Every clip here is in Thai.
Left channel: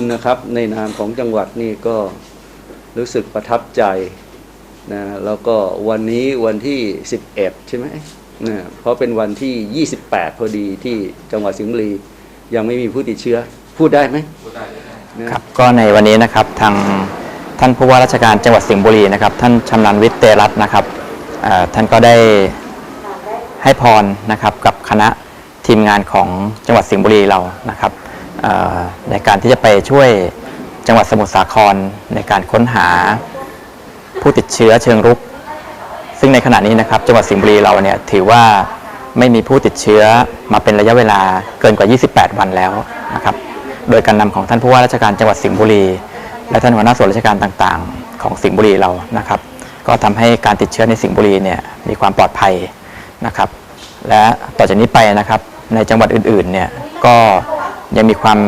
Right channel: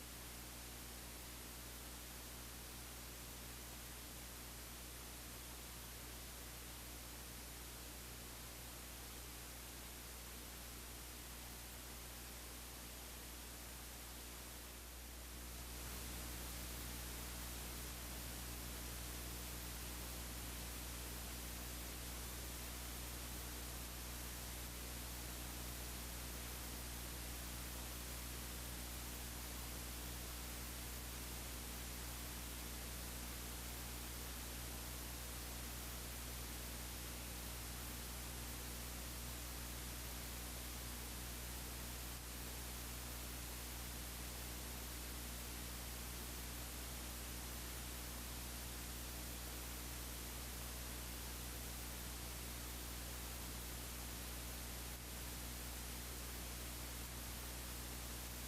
คุณนะครับในนามของจังหวัดนี่ก็รู้สึกประทับใจนะแล้วก็วันนี้วันที่ 11 ใช่ไหมนะเพราะเป็นวันที่ 28 พอดีที่จังหวัดสิงห์บุรียังไม่มีผู้ติดเชื้อ พูดได้ไหมพูดได้ครับก็ในวันนี้นะครับทางท่านผู้ว่าราชการจังหวัดสิงห์บุรีนะครับ ท่านชำนาญวิทย์เตรัตน์นะครับเอ่อท่านก็ได้ให้พรนะครับกับคณะทีมงานของจังหวัดสิงห์บุรีเรานะครับเอ่อ ในการที่จะไปช่วยจังหวัดสมุทรสาครในการค้นหาผู้ติดเชื้อเชิงรุก ซึ่งในขณะนี้นะครับ จังหวัดสิงห์บุรีเราเนี่ยถือว่าไม่มีผู้ติดเชื้อมาเป็นระยะเวลาเกินกว่า 28 วันแล้วนะครับ โดยการนำของท่านผู้ว่าราชการจังหวัดสิงห์บุรี และท่านหัวหน้าส่วนราชการต่างๆ ของสิงห์บุรีเรานะครับ ก็ทำให้การติดเชื้อในสิงห์บุรีเนี่ยมีความปลอดภัยนะครับ และต่อจากนี้ไปนะครับในจังหวัดอื่นๆเนี่ยก็ ยังมีความ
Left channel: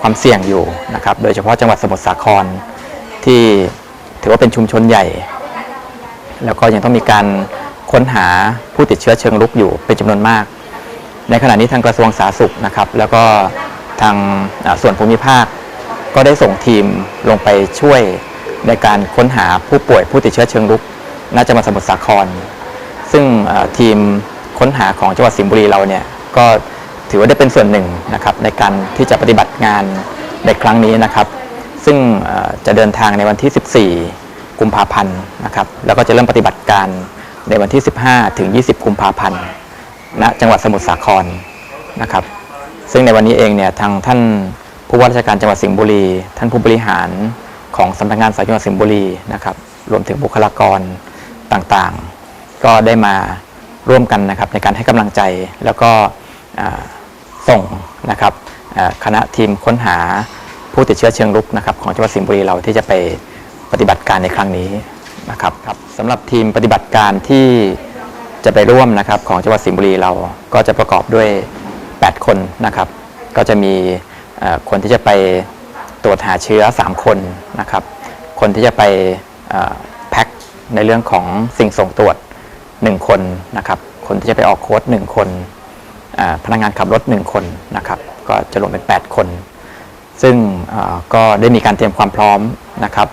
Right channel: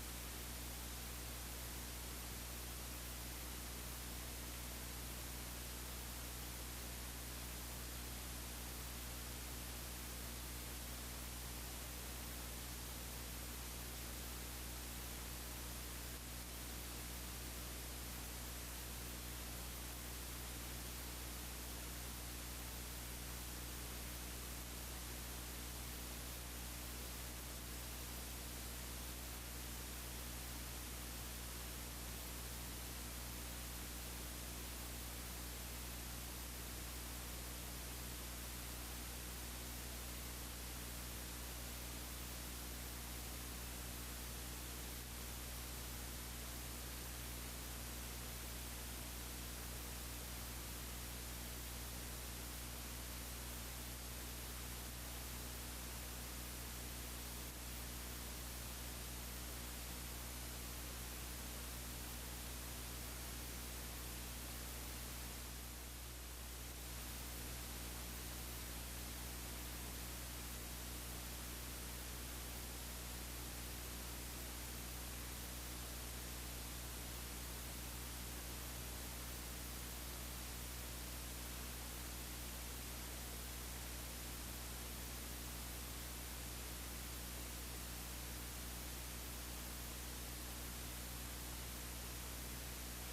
ความเสี่ยงอยู่นะครับ โดยเฉพาะจังหวัดสมุทรสาครที่ถือว่าเป็นชุมชนใหญ่ แล้วก็ยังต้องมีการค้นหาผู้ติดเชื้อเชิงรุกอยู่เป็นจำนวนมาก ในขณะนี้ทางกระทรวงสาธารณสุขนะครับ แล้วก็ทางส่วนภูมิภาค ก็ได้ส่งทีมลงไปช่วยในการค้นหาผู้ป่วยผู้ติดเชื้อเชิงรุกณจังหวัดสมุทรสาคร ซึ่งทีมค้นหาของจังหวัดสิงห์บุรีเราเนี่ยก็ ถือว่าได้เป็นส่วนหนึ่งนะครับในการที่จะปฏิบัติงานในครั้งนี้นะครับ ซึ่งจะเดินทางในวันที่ 14 กุมภาพันธ์นะครับแล้วก็จะเริ่มปฏิบัติการในวันที่ 15 ถึง 20 กุมภาพันธ์ณจังหวัดสมุทรสาครนะครับ ซึ่งในวันนี้เองเนี่ยทางท่านผู้ว่าราชการจังหวัดสิงห์บุรี ท่านผู้บริหารของสำนักงานสายจังหวัดสิงห์บุรีนะครับรวมถึงบุคลากรต่างๆ ก็ได้มาร่วมกันนะครับในการให้กำลังใจแล้วก็ ส่งนะครับคณะทีมค้นหาผู้ติดเชื้อเชิงรุกนะครับของจังหวัดสิงห์บุรีเราที่จะไปปฏิบัติการในครั้งนี้นะครับครับสำหรับทีมปฏิบัติการที่จะไปร่วมนะครับของจังหวัดสิงห์บุรีเราก็จะประกอบด้วย 8 คนนะครับ ก็จะมีคนที่จะไปตรวจหาเชื้อ 3 คนนะครับ คนที่จะไปแพ็คในเรื่องของสิ่งส่งตรวจ 1 คนนะครับ คนที่จะไปออกโค้ด1คนอ่า พนักงานขับรถ 1 คนนะครับก็จะรวมเป็น 8 คน ซึ่งก็ได้มีการเตรียมความพร้อมนะครับ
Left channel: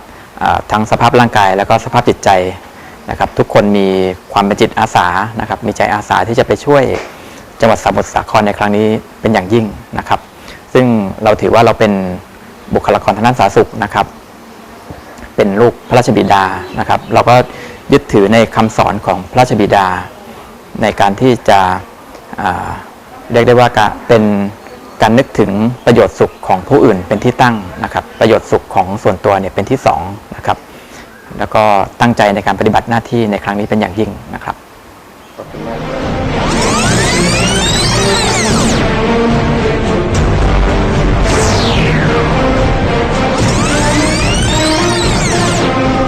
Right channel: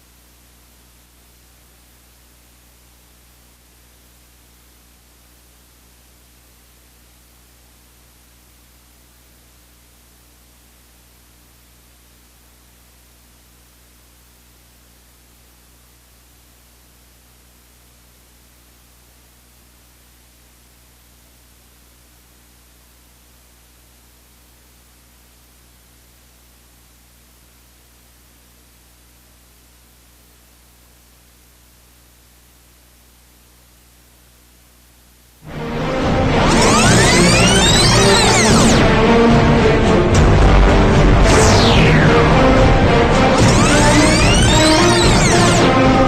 ทั้งสภาพร่างกายแล้วก็สภาพจิตใจนะครับทุกคนมีความเป็นจิตอาสานะครับมีใจอาสาที่จะไปช่วยจังหวัดสมุทรสาครในครั้งนี้เป็นอย่างยิ่งนะครับ ซึ่งเราถือว่าเราเป็นบุคลากรทางด้านสาธารณสุขนะครับ เป็นลูกพระราชบิดานะครับ เราก็ยึดถือในคำสอนของพระราชบิดา ในการที่จะ เรียกได้ว่าการเป็นการนึกถึงประโยชน์สุขของผู้อื่นเป็นที่ตั้งนะครับ ประโยชน์สุขของส่วนตัวเนี่ยเป็นที่สองนะครับแล้วก็ตั้งใจในการปฏิบัติหน้าที่ในครั้งนี้เป็นอย่างยิ่งนะครับ